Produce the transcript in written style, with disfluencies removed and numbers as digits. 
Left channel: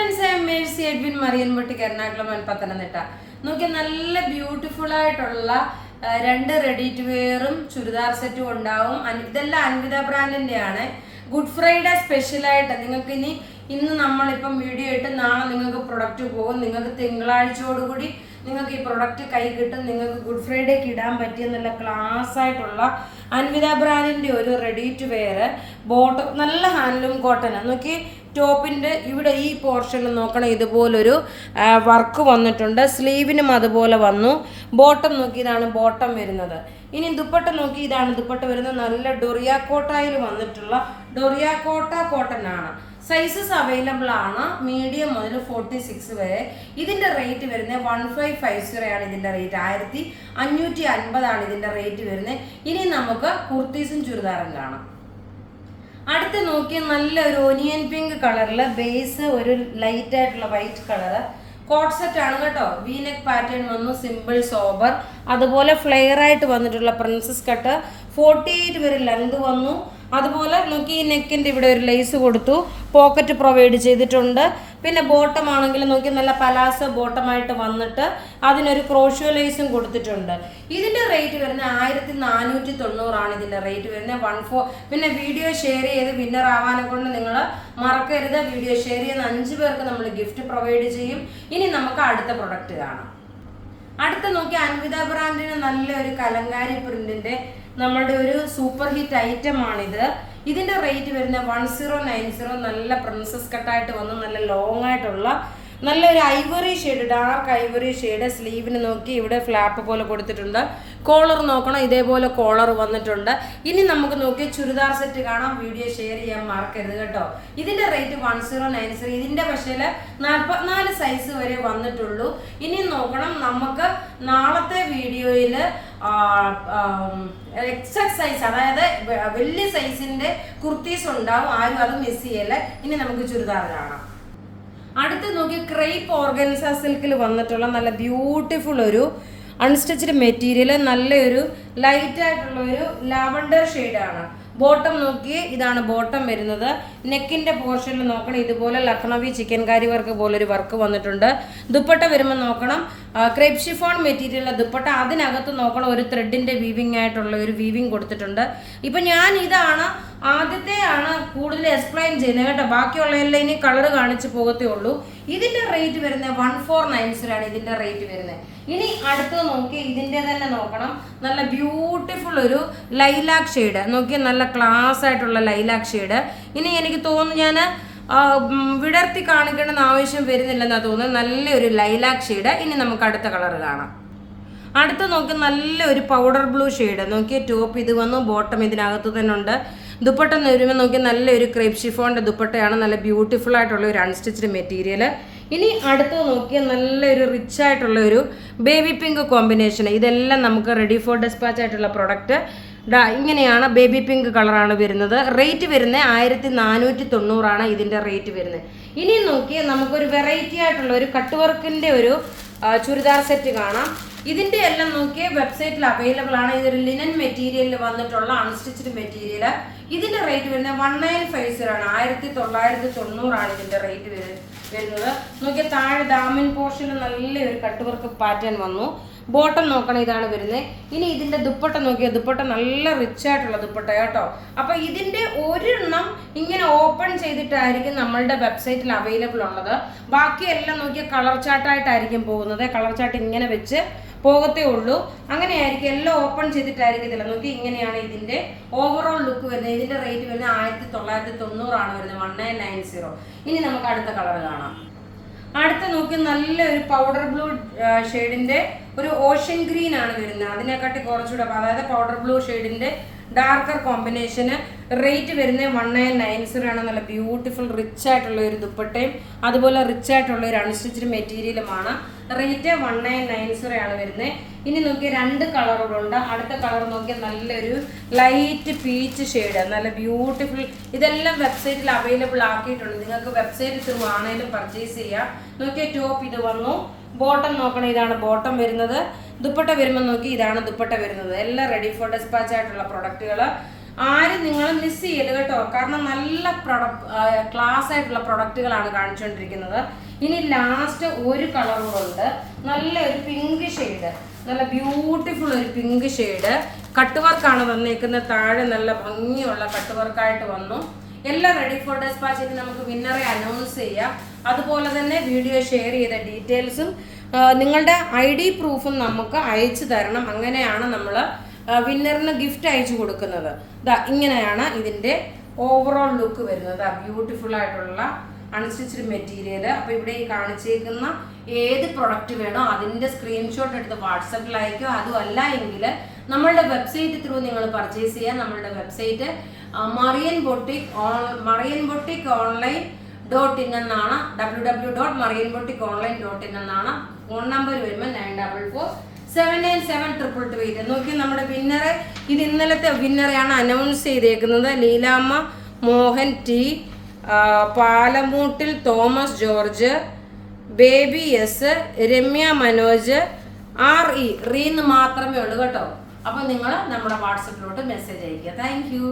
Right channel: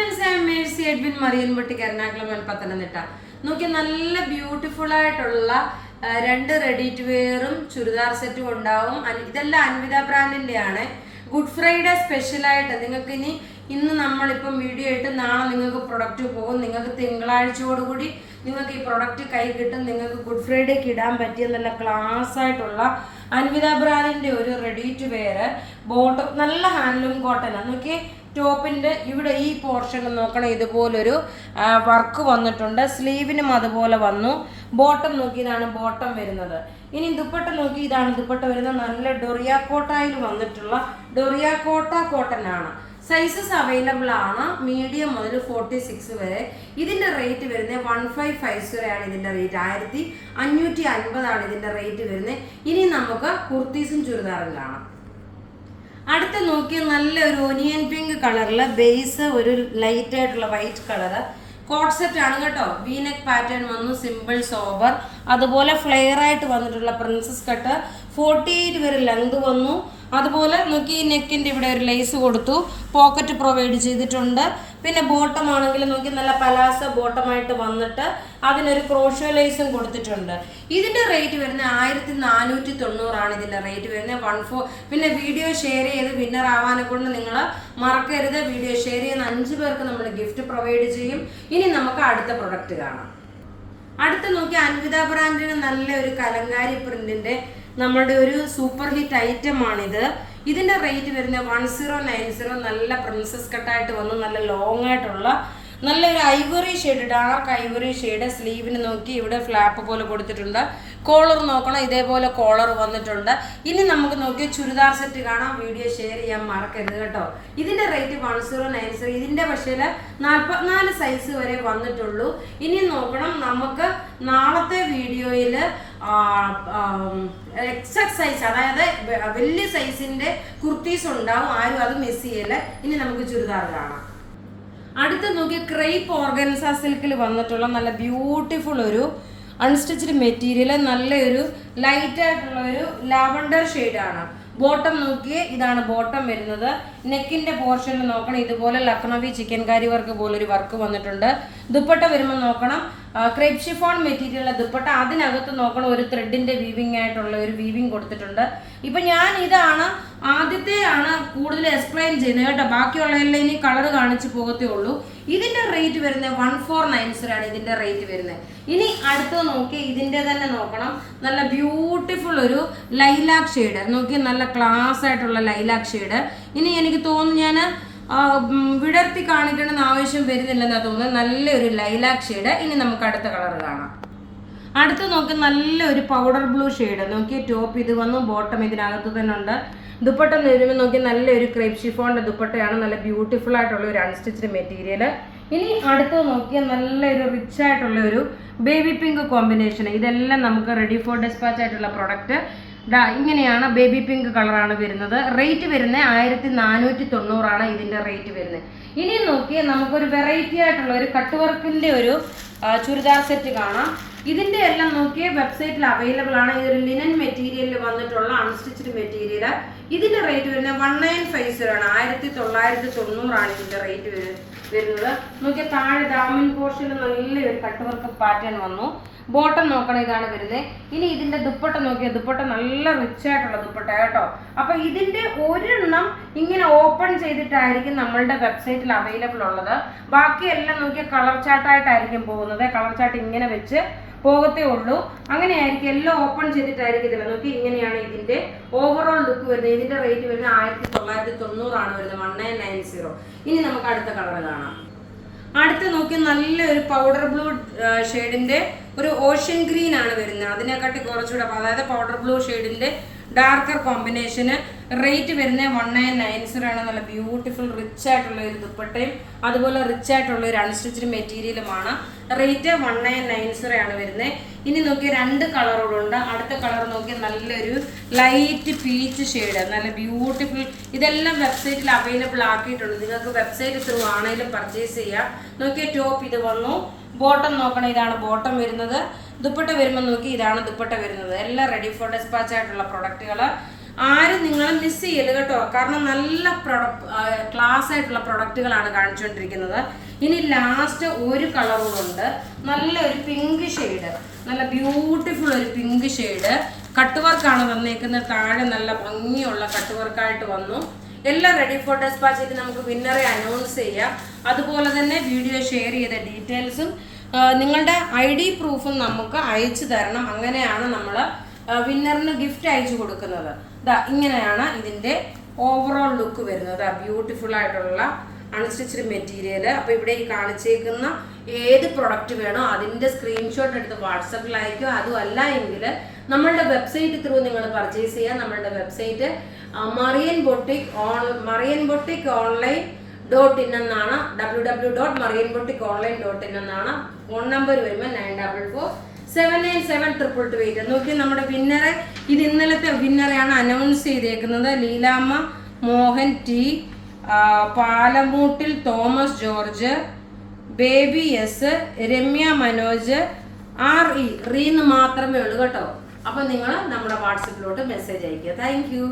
Friends, I am Mercy Edwin മറിയൻപട്ടിക്ക് എറണാകുളം പത്തനംതിട്ട. നോക്കി നല്ല ബ്യൂട്ടിഫുൾ ആയിട്ടുള്ള രണ്ട് റെഡി ടു വെയറും ചുരിദാർ സെറ്റും ഉണ്ടാവും. ഇതെല്ലാം അൻവിത ബ്രാൻഡിന്റെ ആണ്. ഗുഡ് ഫ്രൈഡേ സ്പെഷ്യലായിട്ട് നിങ്ങൾക്ക് ഇന്ന് നമ്മളിപ്പം വീഡിയോ ഇട്ട് നാളെ നിങ്ങൾക്ക് പ്രൊഡക്റ്റ് പോകും. നിങ്ങൾക്ക് തിങ്കളാഴ്ചയോടുകൂടി നിങ്ങൾക്ക് ഈ പ്രൊഡക്റ്റ് കൈ കിട്ടും. നിങ്ങൾക്ക് ഗുഡ് ഫ്രൈഡേക്ക് ഇടാൻ പറ്റിയ നല്ല ക്ലാസ് ആയിട്ടുള്ള അൻവിത ബ്രാൻഡിന്റെ ഒരു റെഡി ടു വെയർ ബോട്ടം, നല്ല ഹാൻഡ്ലൂം കോട്ടനാണ്. നോക്കി ടോപ്പിന്റെ ഇവിടെ ഈ പോർഷനിൽ നോക്കണം, ഇതുപോലൊരു വർക്ക് വന്നിട്ടുണ്ട്. സ്ലീവിനും അതുപോലെ വന്നു. ബോട്ടം നോക്കി, ഇതാണ് ബോട്ടം വരുന്നത്. ഇനി ദുപ്പട്ട നോക്കി, ഇതാണ് ദുപ്പട്ട വരുന്നത്. നല്ല ഡൊറിയാക്കോട്ടയിൽ വന്നിട്ടുള്ള ഡൊറിയാക്കോട്ട കോട്ടൺ ആണ്. സൈസസ് അവൈലബിൾ ആണ്, മീഡിയം മുതൽ 46 വരെ. ഇതിന്റെ റേറ്റ് വരുന്നത് 1550 ആണ്. ഇതിന്റെ റേറ്റ് 1550 ആണ് ഇതിന്റെ റേറ്റ് വരുന്നത്. ഇനി നമുക്ക് കുർത്തീസും ചുരിദാറും കാണാം. അടുത്ത് നോക്കിയ നല്ല ഒരു ഒനിയൻ പിങ്ക് കളറില് ബേസ് ഒരു ലൈറ്റ് ആയിട്ടുള്ള വൈറ്റ് കളറ് കോട്ട് സെറ്റ് ആണ് കേട്ടോ. വീനെക്ക് പാറ്റേൺ വന്നു, സിമ്പിൾ സോബർ. അതുപോലെ ഫ്ലെയർ ആയിട്ട് വന്നിട്ടുള്ള പ്രിൻസസ് കട്ട് 48 വരെ ലെങ്ത് വന്നു. അതുപോലെ നോക്കി ഈ നെക്കിൻ്റെ ഇവിടെ ഒരു ലേസ് കൊടുത്തു, പോക്കറ്റ് പ്രൊവൈഡ് ചെയ്തിട്ടുണ്ട്. പിന്നെ ബോട്ടം ആണെങ്കിൽ നോക്കി നല്ല പലാസ ബോട്ടമായിട്ട് വന്നിട്ട് അതിനൊരു ക്രോഷ്യോ ലേസും കൊടുത്തിട്ടുണ്ട്. ഇതിൻ്റെ റേറ്റ് വരുന്നത് 1490 ആണ് ഇതിൻ്റെ റേറ്റ് വരുന്നത്. 14. പിന്നെ വീഡിയോ ഷെയർ ചെയ്ത് വിന്നർ ആവാനെ കൊണ്ട് നിങ്ങൾ മറക്കരുത്. വീഡിയോ ഷെയർ ചെയ്യുന്ന 5 പേർക്ക് നമ്മൾ ഗിഫ്റ്റ് പ്രൊവൈഡ് ചെയ്യും. ഇനി നമുക്ക് അടുത്ത പ്രൊഡക്റ്റ് കാണാം. അടുത്ത നോക്കി അൻവിത ബ്രാൻഡിന് നല്ല ഒരു കലങ്കാരി പ്രിന്റിന്റെ നമ്മളുടെ ഒരു സൂപ്പർ ഹിറ്റ് ഐറ്റം ആണിത്. ഇതിന്റെ റേറ്റ് വരുന്നത് 1090. നല്ല പ്രിൻസസ് കട്ടായിട്ട് വന്ന് നല്ല ലോങ് ആയിട്ടുള്ള നല്ലൊരു ivory shade, dark ivory shade. സ്ലീവിന് നോക്കി ഇവിടെ ഫ്ലാപ്പ് പോലെ കൊടുത്തിട്ടുണ്ട്. കോളർ നോക്കണം, ഇതേപോലെ കോളർ വന്നിട്ടുണ്ട്. ഇനി നമുക്ക് നോക്കി ചുരിദാർ സെറ്റ് കാണാം. വീഡിയോ ഷെയർ ചെയ്യാൻ മറക്കരുത് കേട്ടോ. ഇതിന്റെ റേറ്റ് 1090. ഇതിന്റെ പക്ഷേ 44 സൈസ് വരെ വന്നിട്ടുള്ളൂ. ഇനി നോക്കണം, നമുക്ക് നാളത്തെ വീഡിയോയിൽ എക്സസ് സൈസ്, അതായത് വലിയ സൈസിന്റെ കുർത്തീസ് ഉണ്ടാവും. ആരും അത് മിസ് ചെയ്യല്ല. ഇനി നമുക്ക് ചുരിദാർ കാണാം. അടുത്ത് നോക്കി ക്രേപ്പ് ഓർഗൻസ സിൽക്കിൽ വന്നിട്ടുള്ള നല്ല ബ്യൂട്ടിഫുൾ ഒരു അൺസ്റ്റിച്ച്ഡ് മെറ്റീരിയൽ, നല്ലൊരു ലൈറ്റ് ആയിട്ടുള്ള ഒരു ലാവൻഡർ ഷെയ്ഡാണ്. ബോട്ടം നോക്കി, ഇതാണ് ബോട്ടം വരുന്നത്. നെക്കിന്റെ പോർഷനിൽ നോക്കണം, ഇതുപോലെ ലക്നൗവി ചിക്കൻ കാരി വർക്ക് പോലെ ഒരു വർക്ക് വന്നിട്ടുണ്ട്. ദുപ്പട്ട വരുമ്പോൾ നോക്കണം, ക്രേപ്പ് ഷിഫോൺ മെറ്റീരിയൽ ദുപ്പട്ട. അതിനകത്ത് നോക്കണം, ഒരു ത്രെഡിന്റെ വീവിംഗ് ആയിട്ടുള്ള ഒരു വീവിംഗ് കൊടുത്തിട്ടുണ്ട്. ഇപ്പൊ ഞാൻ ഇതാണ് ആദ്യത്തെയാണ് കൂടുതൽ എക്സ്പ്ലെയിൻ ചെയ്യുന്നത് കേട്ടോ. ബാക്കിയുള്ള എല്ലാം ഇനി കളർ കാണിച്ച് പോകത്തേ ഉള്ളൂ. ഇതിന്റെ റേറ്റ് വരുന്നത് 1490 ആണ് ഇതിന്റെ റേറ്റ് വരുന്നത്. ഇനി അടുത്തത് നോക്കി, ഇതിന്റെ തന്നെ നോക്കണം, നല്ല ബ്യൂട്ടിഫുൾ ഒരു ലൈലാക്ക് ഷെയ്ഡ് നോക്കി, നല്ല ക്ലാസ് ആയിട്ടുള്ള ലൈലാക്ക് ഷെയ്ഡ്. ഇനി എനിക്ക് തോന്നുന്നു ഞാൻ വിടർത്തി കാണിക്കണമെന്ന് ആവശ്യം വരുന്നില്ലെന്നാണ് തോന്നുന്നത്. നല്ലൊരു ലൈലാക്ക് ഷെയ്ഡ്. ഇനി നമുക്ക് അടുത്ത കളർ കാണാം. അടുത്ത നോക്കി നല്ലൊരു പൗഡർ ബ്ലൂ ഷെയ്ഡ് നോക്കി. ടോപ്പ് ഇത് വന്നു, ബോട്ടം ഇതിനകത്ത് തന്നെ ഉണ്ട്. ദുപ്പട്ട വരുമ്പോൾ നോക്കി നല്ലൊരു ക്രേപ്പ് ഷിഫോണിന്റെ ദുപ്പട്ടയാണ്. നല്ല ബ്യൂട്ടിഫുൾ ആയിട്ടുള്ള ഒരു അൺസ്റ്റിച്ച്ഡ് മെറ്റീരിയൽ. ഇനി അടുത്തത് നോക്കിയാൽ നല്ലൊരു റിച്ച് ആയിട്ടുള്ള ഒരു ബേബി പിങ്ക് കോമ്പിനേഷൻ. ഇതെല്ലാം നമുക്ക് റെഡി ഫോർ ഡെസ്പാച്ച് ആയിട്ടുള്ള പ്രൊഡക്റ്റ്. ഇങ്ങനെയാണ്, ബേബി പിങ്ക് കളറാണ് വരുന്നത്. റേറ്റ് വരുന്നത് 1490 ആണ് ഇതിന്റെ റേറ്റ് വരുന്നത്. ഇനി നോക്കിയാൽ നമുക്കൊരു വെറൈറ്റി ആയിട്ടുള്ള ഒരു കട്ട് വർക്കിന്റെ ഒരു ചുരിദാർ സെറ്റ് കാണാം. ഇതിന്റെ എല്ലാം നോക്കിയ വെബ്സൈറ്റിൽ അവൈലബിൾ ആണ്. ഇതൊരു ലിനൻ മെറ്റീരിയലിൽ വന്നിട്ടുള്ള അൺസ്റ്റിച്ച്ഡ് മെറ്റീരിയൽ. ഇതിന്റെ റേറ്റ് വരുന്നത് 1950 ആണ്. 1990 ആണ് ഇതിന്റെ റേറ്റ് വരുന്നത്. നോക്കിയ താഴെ ഡാമിൻ പോർഷനിൽ നല്ലൊരു കട്ട് വർക്ക് പാറ്റേൺ വന്നു. ബോട്ടം നോക്കണം, ഇതാണ് വരുന്നത്. ഇനി ഇതിന്റെ ദുപ്പട്ട നോക്കിയ ദുപ്പട്ട നല്ല റിച്ച് ആയിട്ടുള്ള ദുപ്പട്ട കേട്ടോ. അപ്പൊ ഇതിന്റെ ഒരെണ്ണം ഇങ്ങനെ ഓപ്പൺ ചെയ്തിട്ടായിരിക്കും നമ്മളുടെ വെബ്സൈറ്റിൽ അവൈലബിൾ ഉള്ളത്. ബാക്കിയെല്ലാം നോക്കിയ കളർ ചാർട്ടായിട്ടായിരിക്കും പോകുന്നത്. കളർ ചാർട്ട് ഇങ്ങനെ വെച്ച് പോകത്തേ ഉള്ളൂ. അങ്ങനെയായിരിക്കും, എല്ലാം ഓപ്പൺ ചെയ്തിട്ടായിരിക്കും. ഇതില്ല നോക്കി, ഇങ്ങനെയാണ് ഇതിന്റെ ഓവറോൾ ലുക്ക് വരുന്നത്. ഇതിന്റെ റേറ്റ് വരുന്നത് 1990 ആണ് വരുന്നത്. 1990. ഇനി നമുക്ക് അടുത്ത കളർ കാണാം. അടുത്ത നോക്കി നല്ലൊരു പൗഡർ ബ്ലൂ ഷെയ്ഡിന്റെ ഒരു ഓഷ്യൻ ഗ്രീൻ ആണ് വരുന്നത്. അതിനെക്കാട്ടി കുറച്ചുകൂടെ, അതായത് പൗഡർ ബ്ലൂ ഷെയ്ഡിന്റെ ഡാർക്കർ കോമ്പിനേഷന്. റേറ്റ് വരുന്നത് 1990 ആണ്. നല്ല ബ്യൂട്ടിഫുൾ റിച്ച് ആയിട്ടുള്ള ഒരു ദുപ്പട്ടയും അതുപോലെ റിച്ച് ആയിട്ടുള്ള ഒരു അൺസ്റ്റിച്ച്ഡ് മെറ്റീരിയലുമാണ്. റേറ്റ് 1990 ആണ് വരുന്നത്. ഇനി നോക്കിയാൽ 2 കളറുകളുണ്ട്. അടുത്ത കളർ നോക്കിയാൽ നല്ലൊരു ലൈറ്റ് പീച്ച് ഷെയ്ഡ്, നല്ല ബ്യൂട്ടിഫുൾ. ഇതെല്ലാം വെബ്സൈറ്റിൽ അവൈലബിൾ ആക്കിയിട്ടുണ്ട്. നിങ്ങൾക്ക് വെബ്സൈറ്റ് ത്രൂ ആണെങ്കിലും പർച്ചേസ് ചെയ്യാം. നോക്കിയാൽ ടോപ്പ് ഇത് വന്നു. ബോട്ടം നോക്കണം, ഇതാണ് ബോട്ടം വരുന്നത്. ദുപ്പട്ട വരുമ്പോൾ നോക്കി, ഇതാണ് ദുപ്പട്ട വരുന്നത്. എല്ലാം റെഡി ഫോർ ഡെസ്പാച്ച് ആയിട്ടുള്ള പ്രൊഡക്റ്റുകൾ. ആരും നിങ്ങളെ മിസ് ചെയ്യല് കേട്ടോ. കാരണം നല്ല ക്ലാസ് ആയിട്ടുള്ള പ്രൊഡക്റ്റുകളാണ് കാണിച്ചുകൊണ്ടിരിക്കുന്നത്. ഇനി ലാസ്റ്റ് ഒരു കളർ കൂടെ ഉണ്ട്, നല്ലൊരു പിങ്ക് ഷെയ്ഡ്, നല്ല ബ്യൂട്ടിഫുൾ ഒരു പിങ്ക് ഷെയ്ഡ്. കട്ട് വർക്കാണ് തന്നേക്കുന്നത്, താഴെ നല്ല ഭംഗിയുള്ള കട്ട് വർക്കായിട്ട് വന്നു. എല്ലാം റെഡി ഫോർ ഡെസ്പാച്ച് ചെയ്ത് നമുക്ക് വിന്നറെ അനൗൺസ് ചെയ്യാം. അതുപോലെ തന്നെ വീഡിയോ ഷെയർ ചെയ്ത ഡീറ്റെയിൽസും നിങ്ങളുടെ ID പ്രൂഫും നമുക്ക് അയച്ചു തരണം. അങ്ങനെയാണ് നമ്മൾ വിന്നറിന് ഗിഫ്റ്റ് അയച്ചു കൊടുക്കുന്നത്. ഇങ്ങനെയാണ് ഇതിൻ്റെ ഓവറോൾ ലുക്ക് വരുന്നത്. ബ്യൂട്ടിഫുൾ ആയിട്ടുള്ള അൺസ്റ്റിച്ച്ഡ് മെറ്റീരിയൽ. അപ്പോൾ ഇവിടെ ഈ കാണിച്ചേക്കുന്ന ഏത് പ്രൊഡക്റ്റ് വേണോ അതിൻ്റെ സ്ക്രീൻഷോട്ട് എടുത്ത് വാട്സപ്പിൽ അയക്കുക. അതുമല്ല എങ്കിൽ നമ്മളുടെ വെബ്സൈറ്റ് ത്രൂ നിങ്ങൾ പർച്ചേസ് ചെയ്യുക. നമ്മളുടെ വെബ്സൈറ്റ് marianboutique.online.in എന്നാണ്. www.marianboutique.online.in എന്നാണ്. ഫോൺ നമ്പർ വരുമ്പോൾ 9447972228. നോക്കി നമ്മുടെ വിന്നറെ, ഇത് ഇന്നലത്തെ വിന്നറെയാണ് അനൗൺസ് ചെയ്തേക്കുന്നത്. Leelamma Mohan T, Palamoottil Thomas George, Baby S, Ramya Manoj, റീന്ന് മാത്രമേ ഉള്ളൂ കേട്ടോ. അപ്പോൾ നിങ്ങൾ നമ്മുടെ വാട്സപ്പിലോട്ട് മെസ്സേജ് അയയ്ക്കുക. Thank U.